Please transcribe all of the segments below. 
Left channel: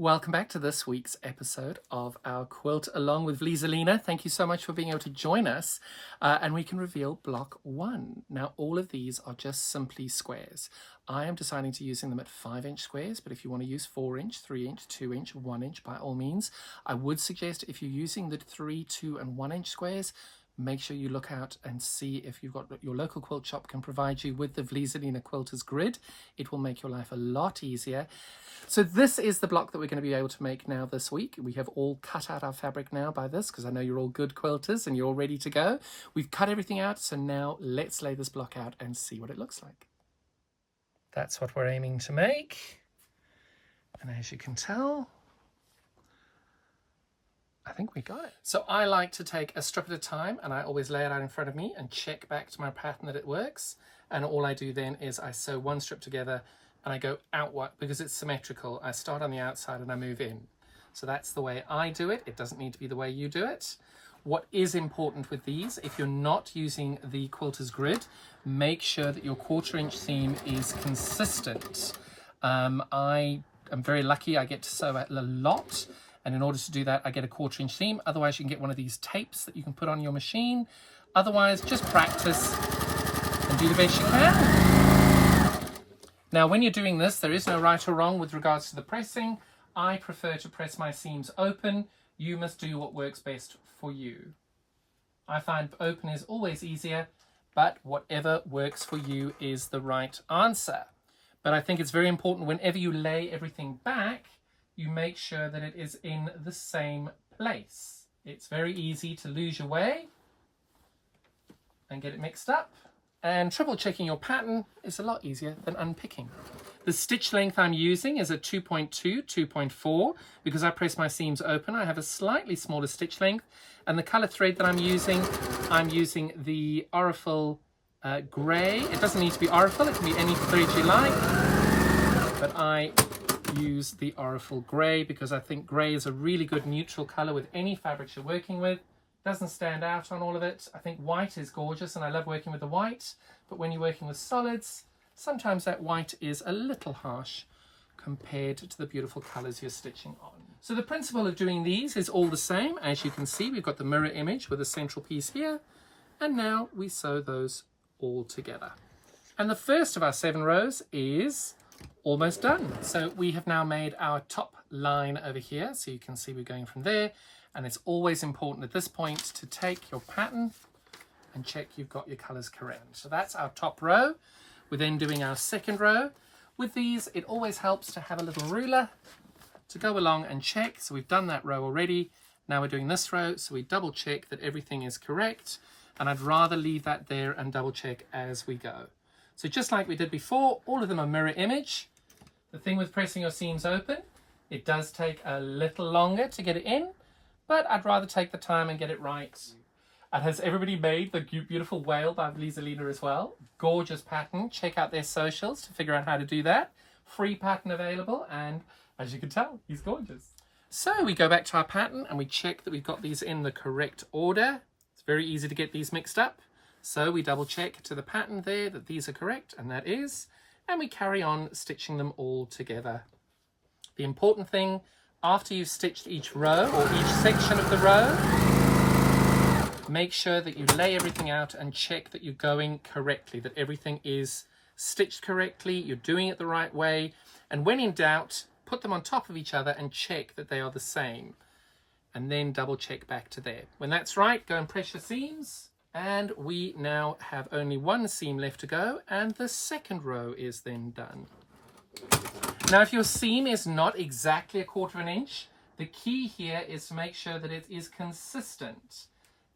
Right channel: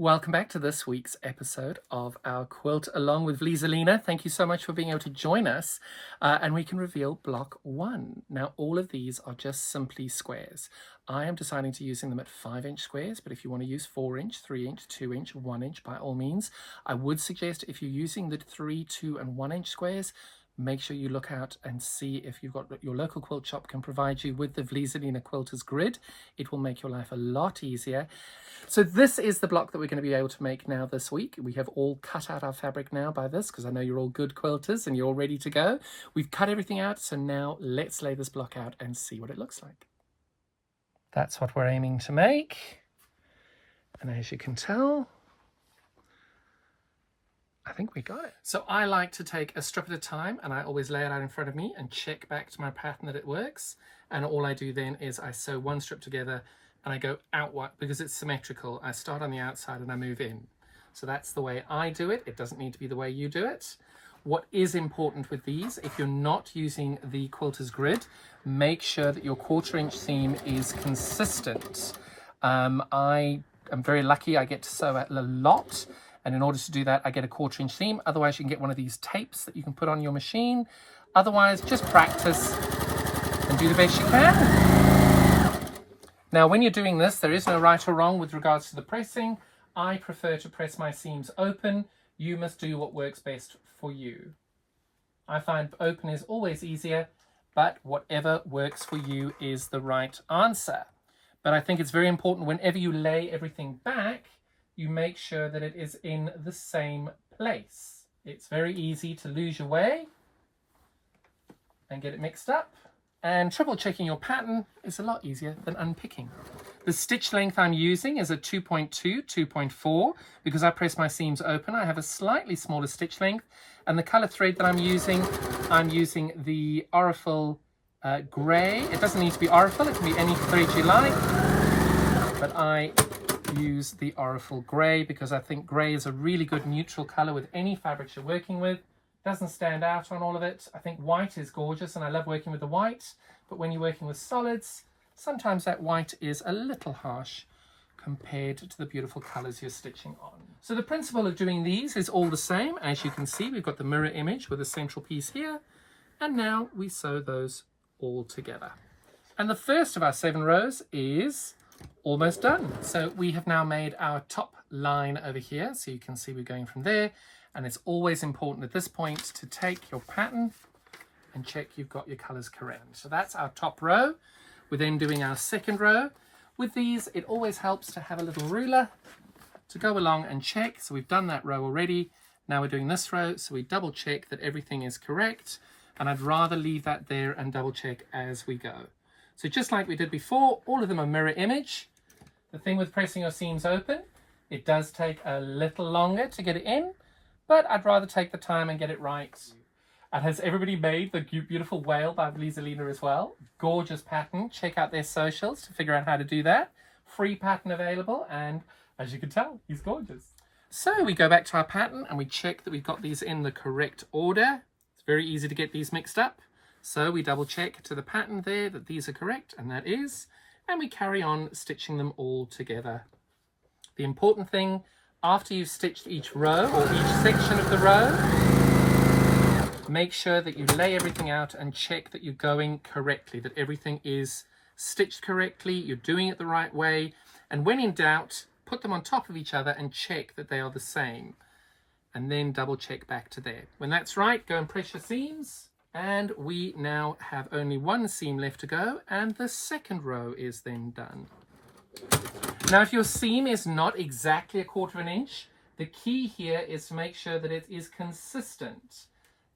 Welcome back to this week's episode of our Quilt Along with Vlieseline. Thank you so much for being able to join us, and we can reveal block 1. Now, all of these are just simply squares. I am deciding to using them at 5-inch squares, but if you want to use 4-inch, 3-inch, 2-inch, 1-inch, by all means, I would suggest if you're using the 3, 2, and 1-inch squares, make sure you look out and see if you've got your local quilt shop can provide you with the Vlieseline Quilter's grid. It will make your life a lot easier. So this is the block that we're going to be able to make now this week. We have all cut out our fabric now by this because I know you're all good quilters and you're all ready to go. We've cut everything out, so now let's lay this block out and see what it looks like. That's what we're aiming to make. And as you can tell, I think we got it. So I like to take a strip at a time and I always lay it out in front of me and check back to my pattern that it works. And all I do then is I sew one strip together and I go outward because it's symmetrical. I start on the outside and I move in. So that's the way I do it. It doesn't need to be the way you do it. What is important with these, if you're not using the quilter's grid, make sure that your 1/4-inch seam is consistent. I am very lucky. I get to sew a lot. And in order to do that, I get a 1/4-inch seam. Otherwise, you can get one of these tapes that you can put on your machine. Otherwise, just practice and do the best you can. Now, when you're doing this, there is no right or wrong with regards to the pressing. I prefer to press my seams open. You must do what works best for you. I find open is always easier, but whatever works for you is the right answer. But I think it's very important whenever you lay everything back, you make sure that it is in the same place. It's very easy to lose your way and get it mixed up. And triple checking your pattern is a lot easier than unpicking. The stitch length I'm using is a 2.2, 2.4. Because I press my seams open, I have a slightly smaller stitch length. And the color thread that I'm using the Aurifil grey. It doesn't need to be Aurifil, it can be any thread you like. But I use the Aurifil grey because I think grey is a really good neutral color with any fabrics you're working with. Doesn't stand out on all of it. I think white is gorgeous and I love working with the white, but when you're working with solids, sometimes that white is a little harsh compared to the beautiful colors you're stitching on. So the principle of doing these is all the same. As you can see, we've got the mirror image with a central piece here, and now we sew those all together. And the first of our 7 rows is almost done. So we have now made our top line over here. So you can see we're going from there. And it's always important at this point to take your pattern and check you've got your colors correct. So that's our top row. We're then doing our second row. With these, it always helps to have a little ruler to go along and check. So we've done that row already. Now we're doing this row. So we double check that everything is correct. And I'd rather leave that there and double check as we go. So just like we did before, all of them are mirror image. The thing with pressing your seams open, it does take a little longer to get it in. But I'd rather take the time and get it right. And has everybody made the beautiful whale by Vlieseline as well? Gorgeous pattern. Check out their socials to figure out how to do that. Free pattern available, and as you can tell, he's gorgeous. So we go back to our pattern and we check that we've got these in the correct order. It's very easy to get these mixed up. So we double check to the pattern there that these are correct, and that is. And we carry on stitching them all together. The important thing, after you've stitched each row or each section of the row, make sure that you lay everything out and check that you're going correctly, that everything is stitched correctly, you're doing it the right way. And when in doubt, put them on top of each other and check that they are the same. And then double check back to there. When that's right, go and press your seams. And we now have only one seam left to go, and the second row is then done. Now, if your seam is not exactly 1/4 inch, the key here is to make sure that it is consistent,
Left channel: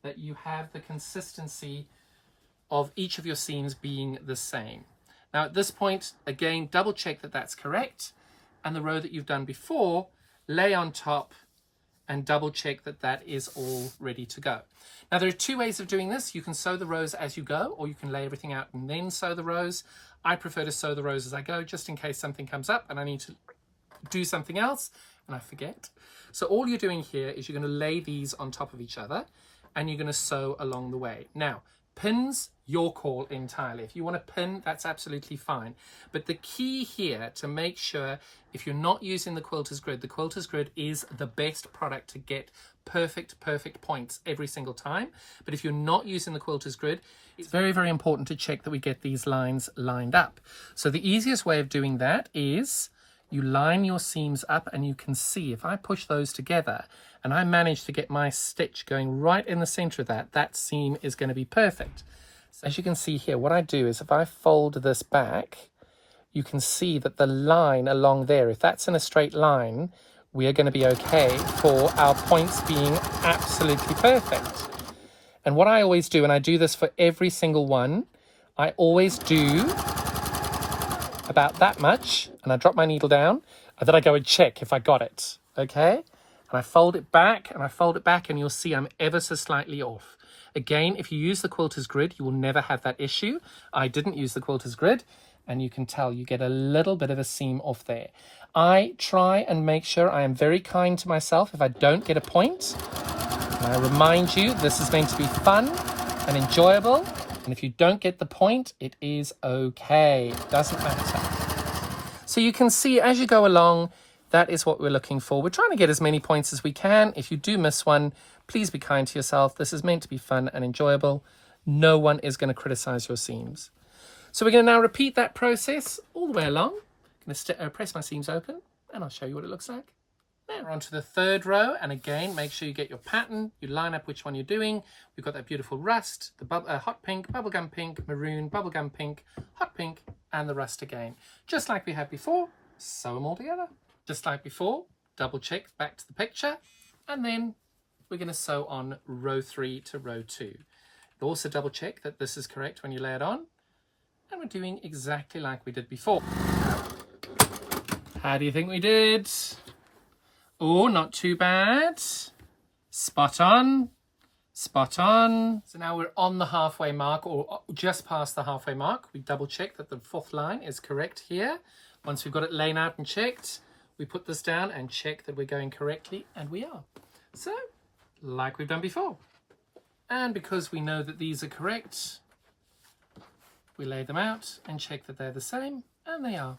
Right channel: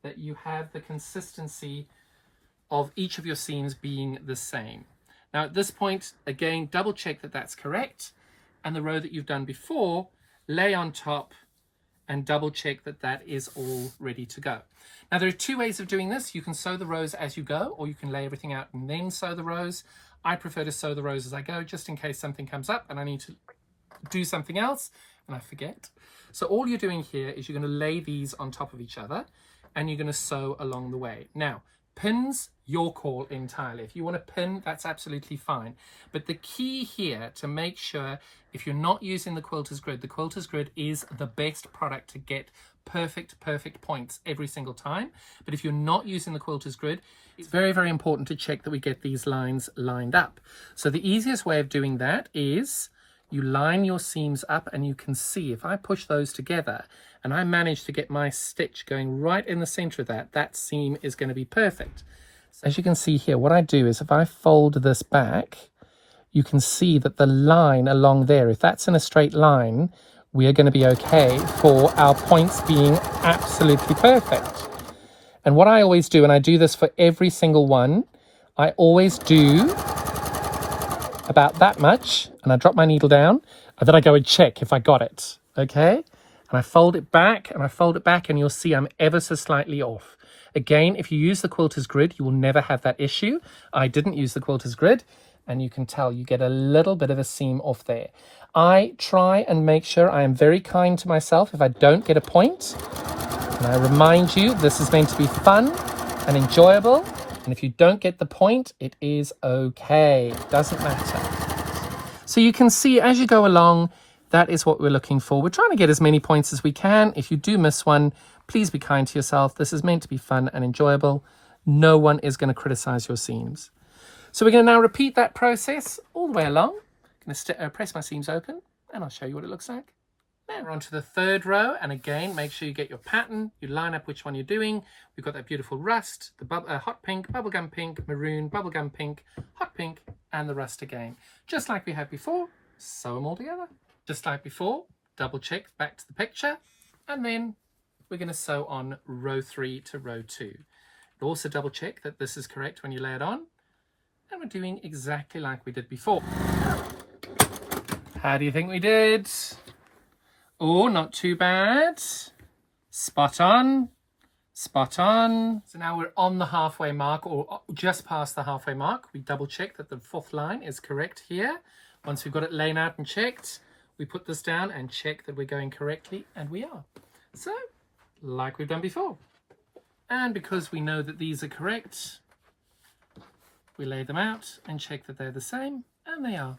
that you have the consistency of each of your seams being the same. Now, at this point, again, double check that that's correct, and the row that you've done before, lay on top and double check that that is all ready to go. Now, there are 2 ways of doing this. You can sew the rows as you go, or you can lay everything out and then sew the rows. I prefer to sew the rows as I go, just in case something comes up and I need to do something else and I forget. So all you're doing here is you're going to lay these on top of each other and you're going to sew along the way. Now, Pins, your call entirely. If you want to pin, that's absolutely fine. But the key here to make sure, if you're not using the quilter's grid is the best product to get perfect points every single time. But if you're not using the quilter's grid, it's very, very important to check that we get these lines lined up. So the easiest way of doing that is you line your seams up, and you can see if I push those together and I manage to get my stitch going right in the center of that, that seam is going to be perfect. So as you can see here, what I do is if I fold this back, you can see that the line along there, if that's in a straight line, we are going to be okay for our points being absolutely perfect. And what I always do, and I do this for every single one, I always do about that much, and I drop my needle down, and then I go and check if I got it, okay? And I fold it back, and I fold it back, and you'll see I'm ever so slightly off. Again, if you use the quilter's grid, you will never have that issue. I didn't use the quilter's grid, and you can tell you get a little bit of a seam off there. I try and make sure I am very kind to myself if I don't get a point. And I remind you, this is meant to be fun and enjoyable. And if you don't get the point, it is okay. It doesn't matter. So you can see as you go along, that is what we're looking for. We're trying to get as many points as we can. If you do miss one, please be kind to yourself. This is meant to be fun and enjoyable. No one is going to criticize your seams. So we're going to now repeat that process all the way along. I'm going to press my seams open, and I'll show you what it looks like. Now we're on to the third row, and again, make sure you get your pattern. You line up which one you're doing. We've got that beautiful rust, the hot pink, bubblegum pink, maroon, bubblegum pink, hot pink, and the rust again. Just like we had before, sew them all together. Just like before, double check back to the picture, and then we're going to sew on row 3 to row 2. Also double check that this is correct when you lay it on, and we're doing exactly like we did before. How do you think we did? Oh, not too bad. Spot on. Spot on. So now we're on the halfway mark, or just past the halfway mark. We double check that the 4th line is correct here. Once we've got it laid out and checked, we put this down and check that we're going correctly, and we are. So, like we've done before. And because we know that these are correct, we lay them out and check that they're the same, and they are.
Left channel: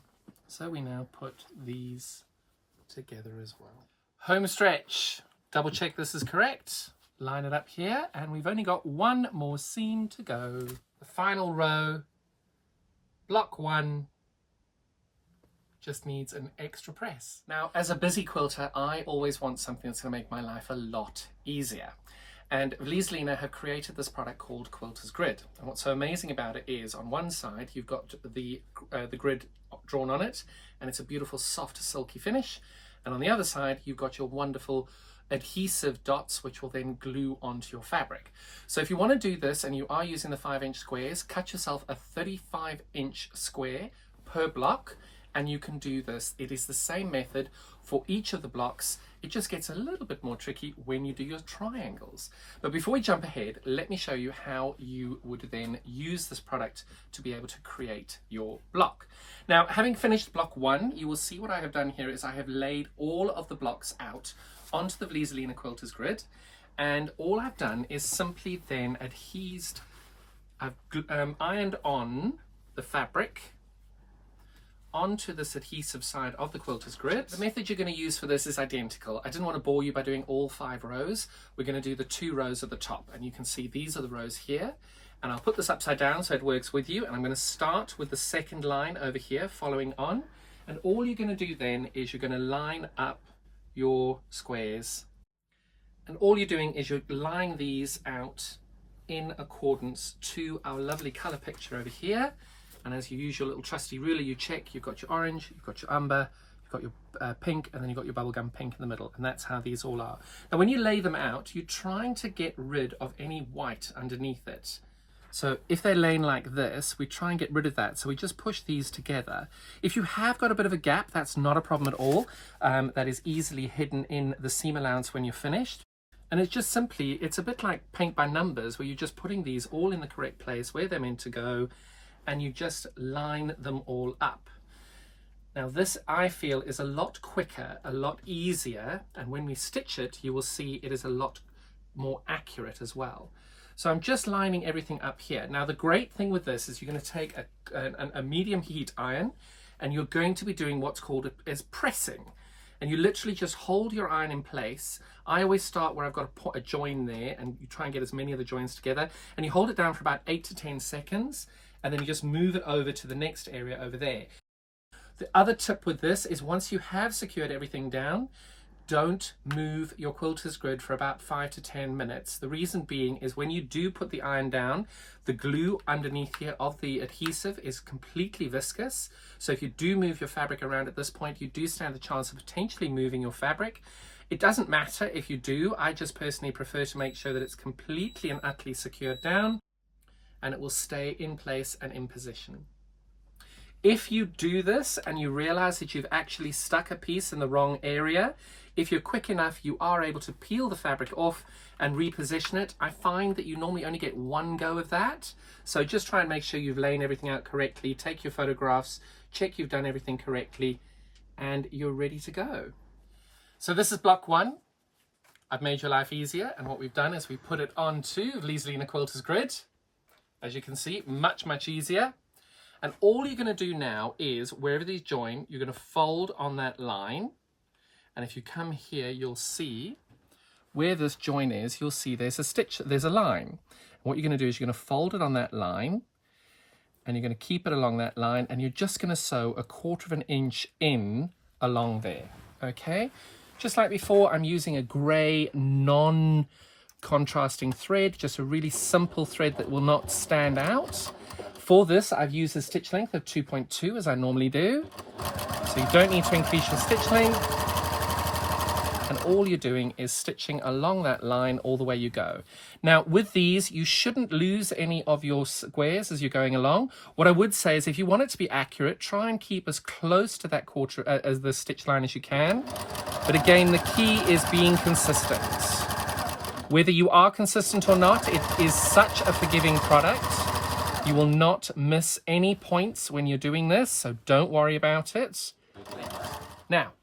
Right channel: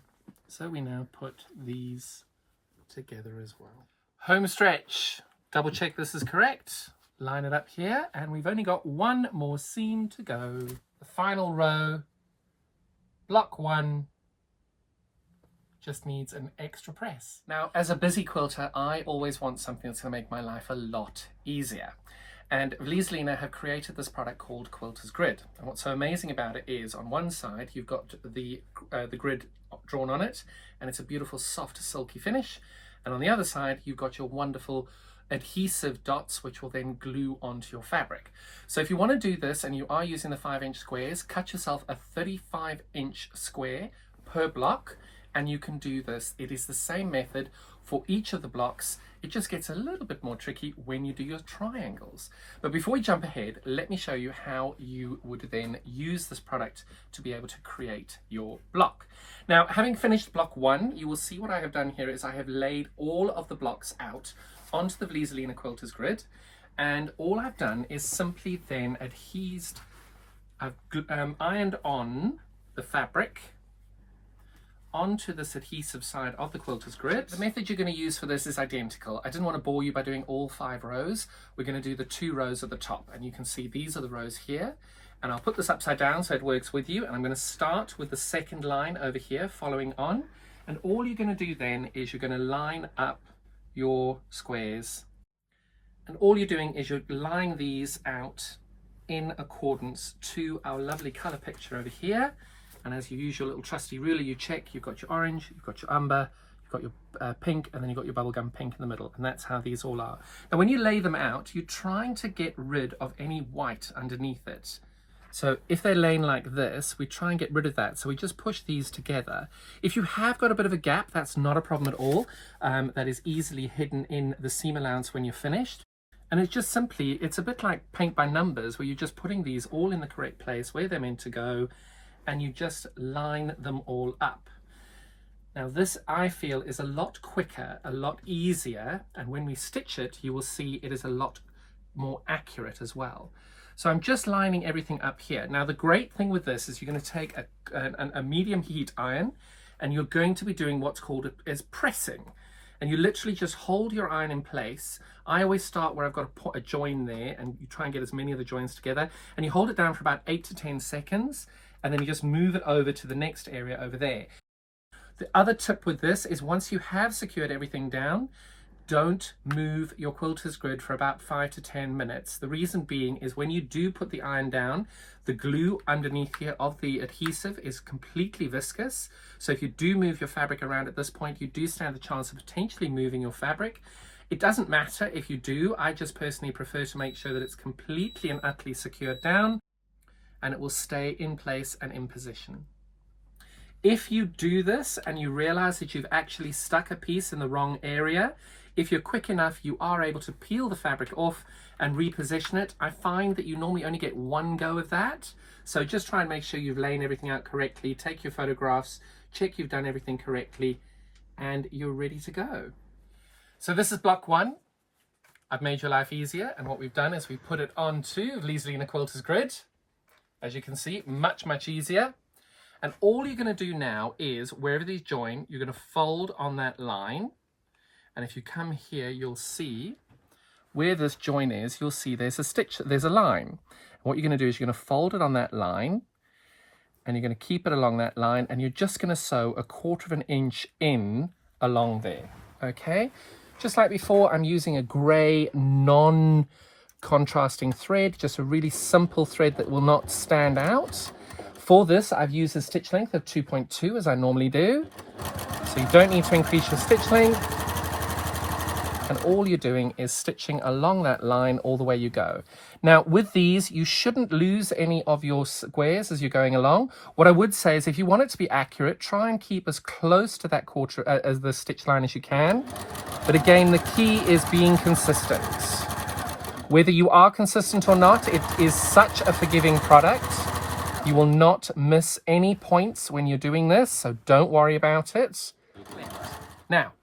So we now put these together as well. Home stretch. Double check this is correct. Line it up here, and we've only got one more seam to go. The final row, block 1, just needs an extra press. Now, as a busy quilter, I always want something that's going to make my life a lot easier. And Vlieseline have created this product called Quilter's Grid. And what's so amazing about it is, on one side, you've got the grid drawn on it, and it's a beautiful, soft, silky finish. And on the other side, you've got your wonderful adhesive dots, which will then glue onto your fabric. So if you want to do this and you are using the 5-inch squares, cut yourself a 35-inch square per block, and you can do this. It is the same method for each of the blocks. It just gets a little bit more tricky when you do your triangles. But before we jump ahead, let me show you how you would then use this product to be able to create your block. Now, having finished block 1, you will see what I have done here is I have laid all of the blocks out onto the Vlieseline Quilter's Grid, and all I've done is simply then I've ironed on the fabric onto this adhesive side of the Quilter's Grid. The method you're going to use for this is identical. I didn't want to bore you by doing all 5 rows. We're going to do the 2 rows at the top, and you can see these are the rows here. And I'll put this upside down so it works with you, and I'm going to start with the 2nd line over here following on, and all you're going to do then is you're going to line up your squares, and all you're doing is you're lying these out in accordance to our lovely color picture over here. And as you use your little trusty ruler, you check you've got your orange, you've got your umber, you've got your pink, and then you've got your bubblegum pink in the middle, and that's how these all are. Now when you lay them out, you're trying to get rid of any white underneath it. So if they're laying like this, we try and get rid of that. So we just push these together. If you have got a bit of a gap, that's not a problem at all. That is easily hidden in the seam allowance when you're finished. And it's just simply, it's a bit like paint by numbers, where you're just putting these all in the correct place where they're meant to go, and you just line them all up. Now this, I feel, is a lot quicker, a lot easier, and when we stitch it, you will see it is a lot more accurate as well. So I'm just lining everything up here. Now the great thing with this is you're going to take a medium heat iron, and you're going to be doing what's called as pressing. And you literally just hold your iron in place. I always start where I've got a join there, and you try and get as many of the joins together, and you hold it down for about 8 to 10 seconds, and then you just move it over to the next area over there. The other tip with this is once you have secured everything down, don't move your quilter's grid for about 5 to 10 minutes. The reason being is when you do put the iron down, the glue underneath here of the adhesive is completely viscous. So if you do move your fabric around at this point, you do stand the chance of potentially moving your fabric. It doesn't matter if you do. I just personally prefer to make sure that it's completely and utterly secured down, and it will stay in place and in position. If you do this and you realize that you've actually stuck a piece in the wrong area, if you're quick enough, you are able to peel the fabric off and reposition it. I find that you normally only get one go of that. So just try and make sure you've laid everything out correctly. Take your photographs, check you've done everything correctly, and you're ready to go. So this is block 1. I've made your life easier, and what we've done is we put it onto Vlieseline Quilter's grid. As you can see, much, much easier. And all you're going to do now is, wherever these join, you're going to fold on that line. And if you come here, you'll see where this join is, you'll see there's a stitch, there's a line. And what you're going to do is you're going to fold it on that line, and you're going to keep it along that line, and you're just going to sew 1/4 of an inch in along there. Okay? Just like before, I'm using a grey non-contrasting thread, just a really simple thread that will not stand out. For this, I've used a stitch length of 2.2 as I normally do. So you don't need to increase your stitch length. And all you're doing is stitching along that line all the way you go. Now with these, you shouldn't lose any of your squares as you're going along. What I would say is if you want it to be accurate, try and keep as close to that quarter as the stitch line as you can. But again, the key is being consistent. Whether you are consistent or not, it is such a forgiving product. You will not miss any points when you're doing this, so don't worry about it. Now,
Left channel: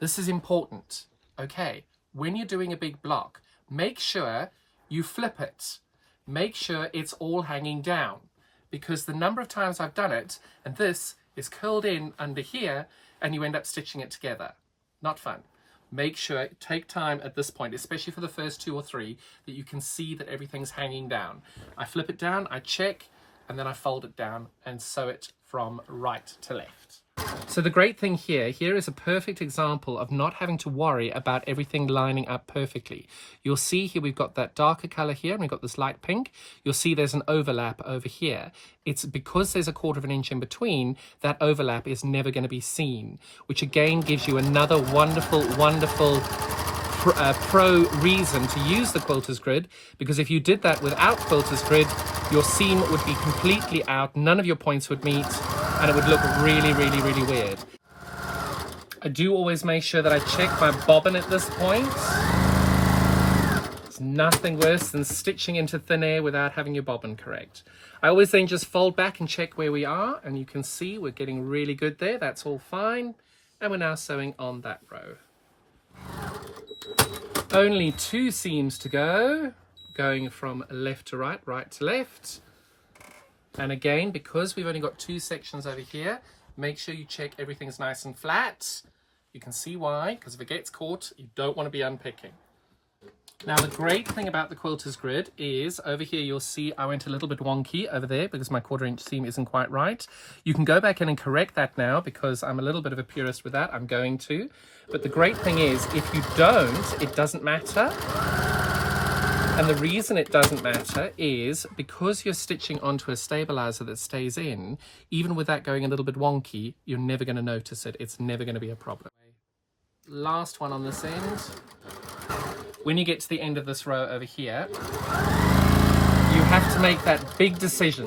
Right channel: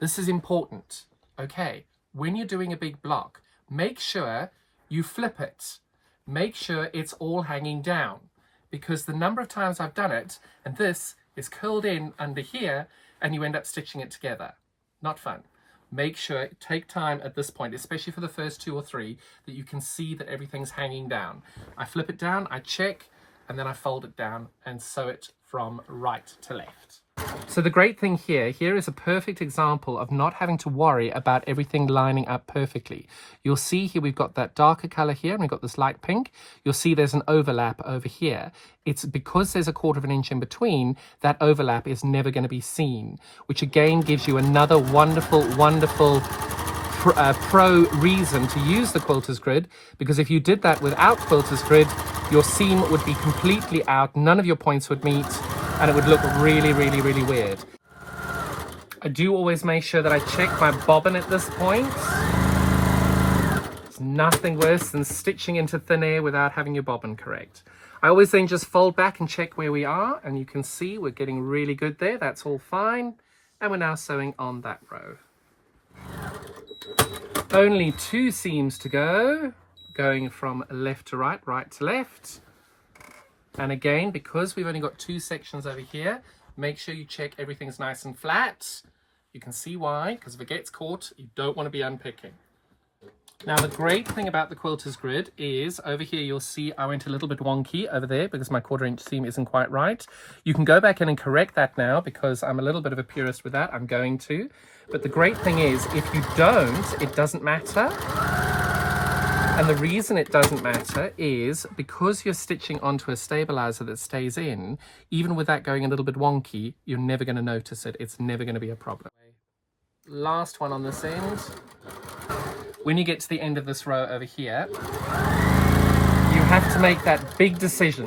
this is important. Okay, when you're doing a big block, make sure you flip it. Make sure it's all hanging down, because the number of times I've done it, and this is curled in under here, and you end up stitching it together. Not fun. Make sure, take time at this point, especially for the first 2 or 3, that you can see that everything's hanging down. I flip it down, I check, and then I fold it down and sew it from right to left. So the great thing here is a perfect example of not having to worry about everything lining up perfectly. You'll see here we've got that darker color here, and we've got this light pink. You'll see there's an overlap over here. It's because there's 1/4 of an inch in between, that overlap is never going to be seen, which again gives you another wonderful, wonderful pro reason to use the quilter's grid, because if you did that without quilter's grid, your seam would be completely out, none of your points would meet, and it would look really, really, really weird. I do always make sure that I check my bobbin at this point. There's nothing worse than stitching into thin air without having your bobbin correct. I always then just fold back and check where we are, and you can see we're getting really good there. That's all fine. And we're now sewing on that row. Only 2 seams to go, going from left to right, right to left. And again, because we've only got 2 sections over here, make sure you check everything's nice and flat. You can see why, because if it gets caught, you don't want to be unpicking. Now, the great thing about the quilter's grid is over here, you'll see I went a little bit wonky over there because my 1/4 inch seam isn't quite right. You can go back in and correct that now because I'm a little bit of a purist with that. I'm going to. But the great thing is, if you don't, it doesn't matter. And the reason it doesn't matter is because you're stitching onto a stabilizer that stays in, even with that going a little bit wonky, you're never going to notice it. It's never going to be a problem. Last one on this end. When you get to the end of this row over here, you have to make that big decision.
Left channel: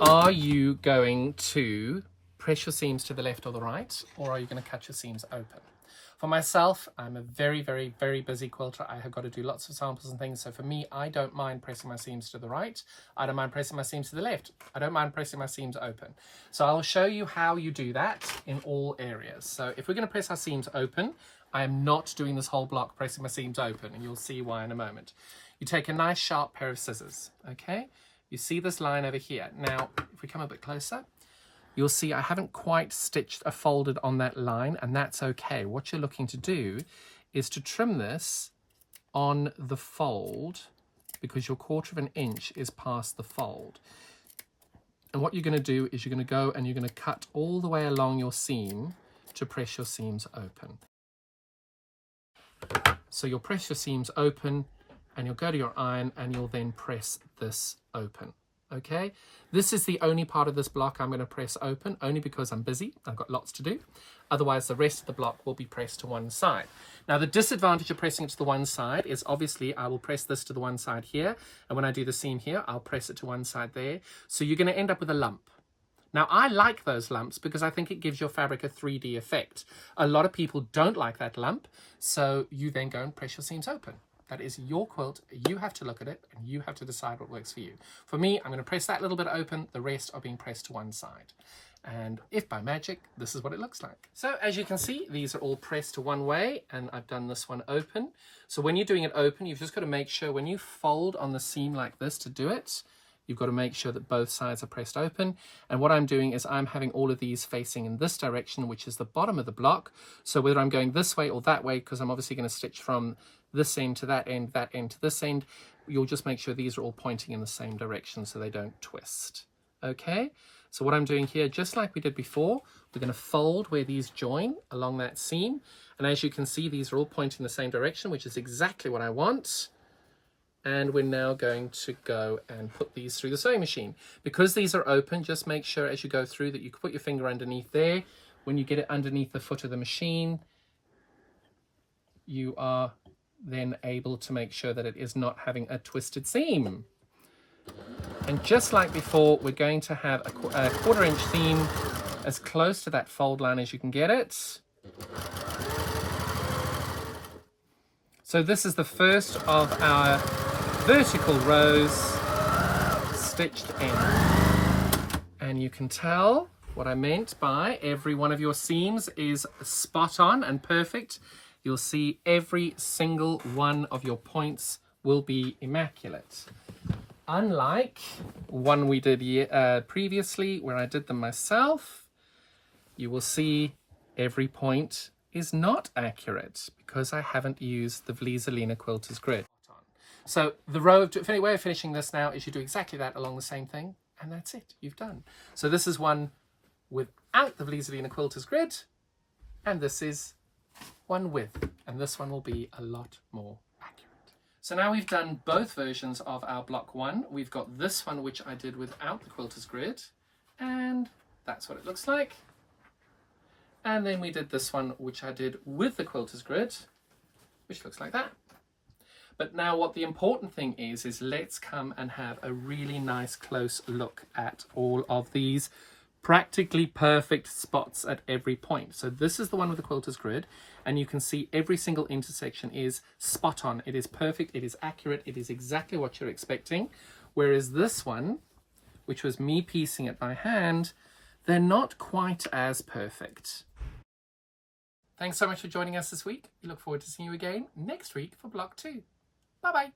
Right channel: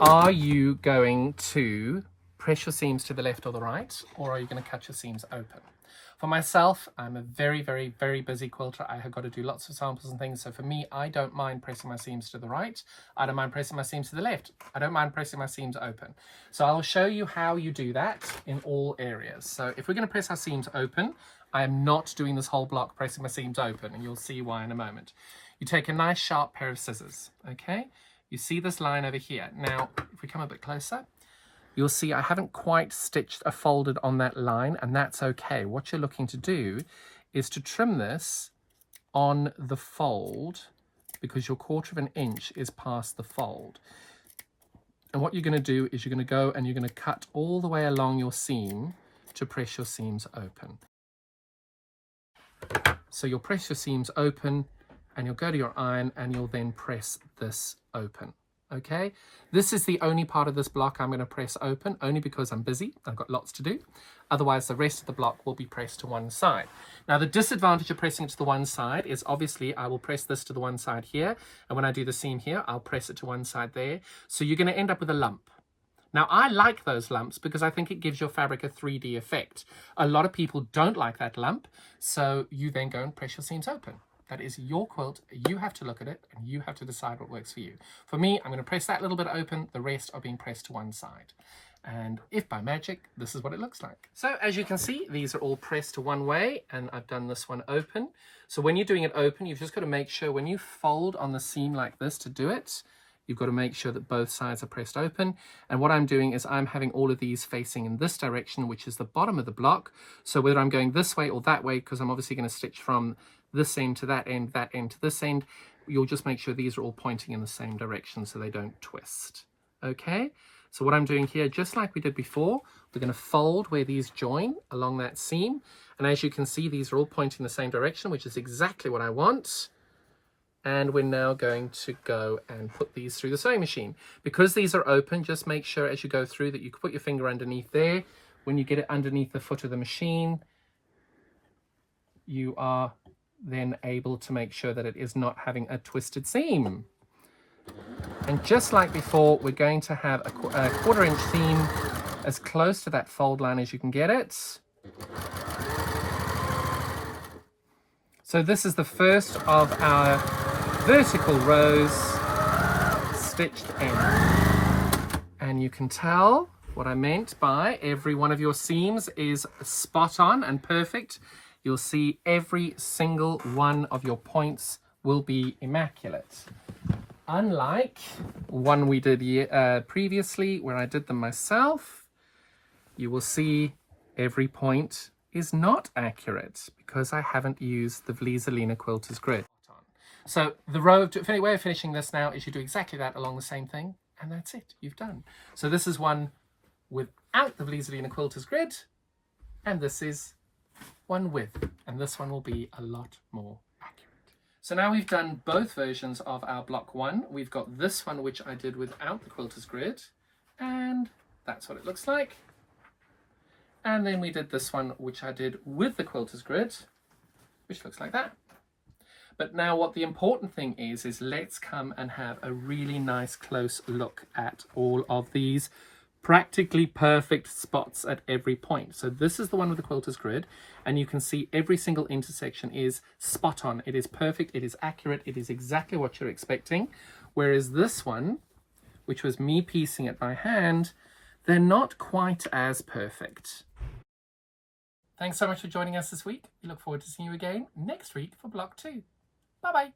Are you going to press your seams to the left or the right, or are you going to cut your seams open? For myself, I'm a very, very, very busy quilter. I have got to do lots of samples and things. So for me, I don't mind pressing my seams to the right. I don't mind pressing my seams to the left. I don't mind pressing my seams open. So I'll show you how you do that in all areas. So if we're going to press our seams open, I am not doing this whole block pressing my seams open, and you'll see why in a moment. You take a nice sharp pair of scissors, okay? You see this line over here. Now, if we come a bit closer, you'll see I haven't quite stitched or folded on that line, and that's okay. What you're looking to do is to trim this on the fold, because your 1/4 inch is past the fold. And what you're going to do is you're going to go and you're going to cut all the way along your seam to press your seams open. So you'll press your seams open, and you'll go to your iron, and you'll then press this open. Okay, this is the only part of this block I'm going to press open, only because I'm busy. I've got lots to do. Otherwise, the rest of the block will be pressed to one side. Now, the disadvantage of pressing it to the one side is obviously I will press this to the one side here, and when I do the seam here, I'll press it to one side there. So you're going to end up with a lump. Now, I like those lumps because I think it gives your fabric a 3D effect. A lot of people don't like that lump, so you then go and press your seams open. That is your quilt. You have to look at it, and you have to decide what works for you. For me, I'm going to press that little bit open. The rest are being pressed to one side. And if by magic, this is what it looks like. So as you can see, these are all pressed to one way, and I've done this one open. So when you're doing it open, you've just got to make sure when you fold on the seam like this to do it, you've got to make sure that both sides are pressed open. And what I'm doing is I'm having all of these facing in this direction, which is the bottom of the block. So whether I'm going this way or that way, because I'm obviously going to stitch from this end to that end to this end, you'll just make sure these are all pointing in the same direction so they don't twist. Okay, so what I'm doing here, just like we did before, we're going to fold where these join along that seam. And as you can see, these are all pointing in the same direction, which is exactly what I want. And we're now going to go and put these through the sewing machine. Because these are open, just make sure as you go through that you put your finger underneath there. When you get it underneath the foot of the machine, you are then able to make sure that it is not having a twisted seam. And just like before, we're going to have a 1/4 inch seam as close to that fold line as you can get it. So this is the first of our vertical rows stitched in. And you can tell what I meant by every one of your seams is spot on and perfect. You'll see every single one of your points will be immaculate. Unlike one we did previously where I did them myself, you will see every point is not accurate because I haven't used the Vlieseline Quilter's grid. So the way of finishing this now is you do exactly that along the same thing, and that's it, you've done. So this is one without the Vlieseline Quilter's grid, and this is one with, and this one will be a lot more accurate. So now we've done both versions of our block one. We've got this one which I did without the quilter's grid, and that's what it looks like. And then we did this one which I did with the quilter's grid, which looks like that. But now what the important thing is let's come and have a really nice close look at all of these practically perfect spots at every point. So this is the one with the quilter's grid, and you can see every single intersection is spot on. It is perfect, it is accurate, it is exactly what you're expecting. Whereas this one, which was me piecing it by hand, they're not quite as perfect. Thanks so much for joining us this week. We look forward to seeing you again next week for block 2. Bye-bye.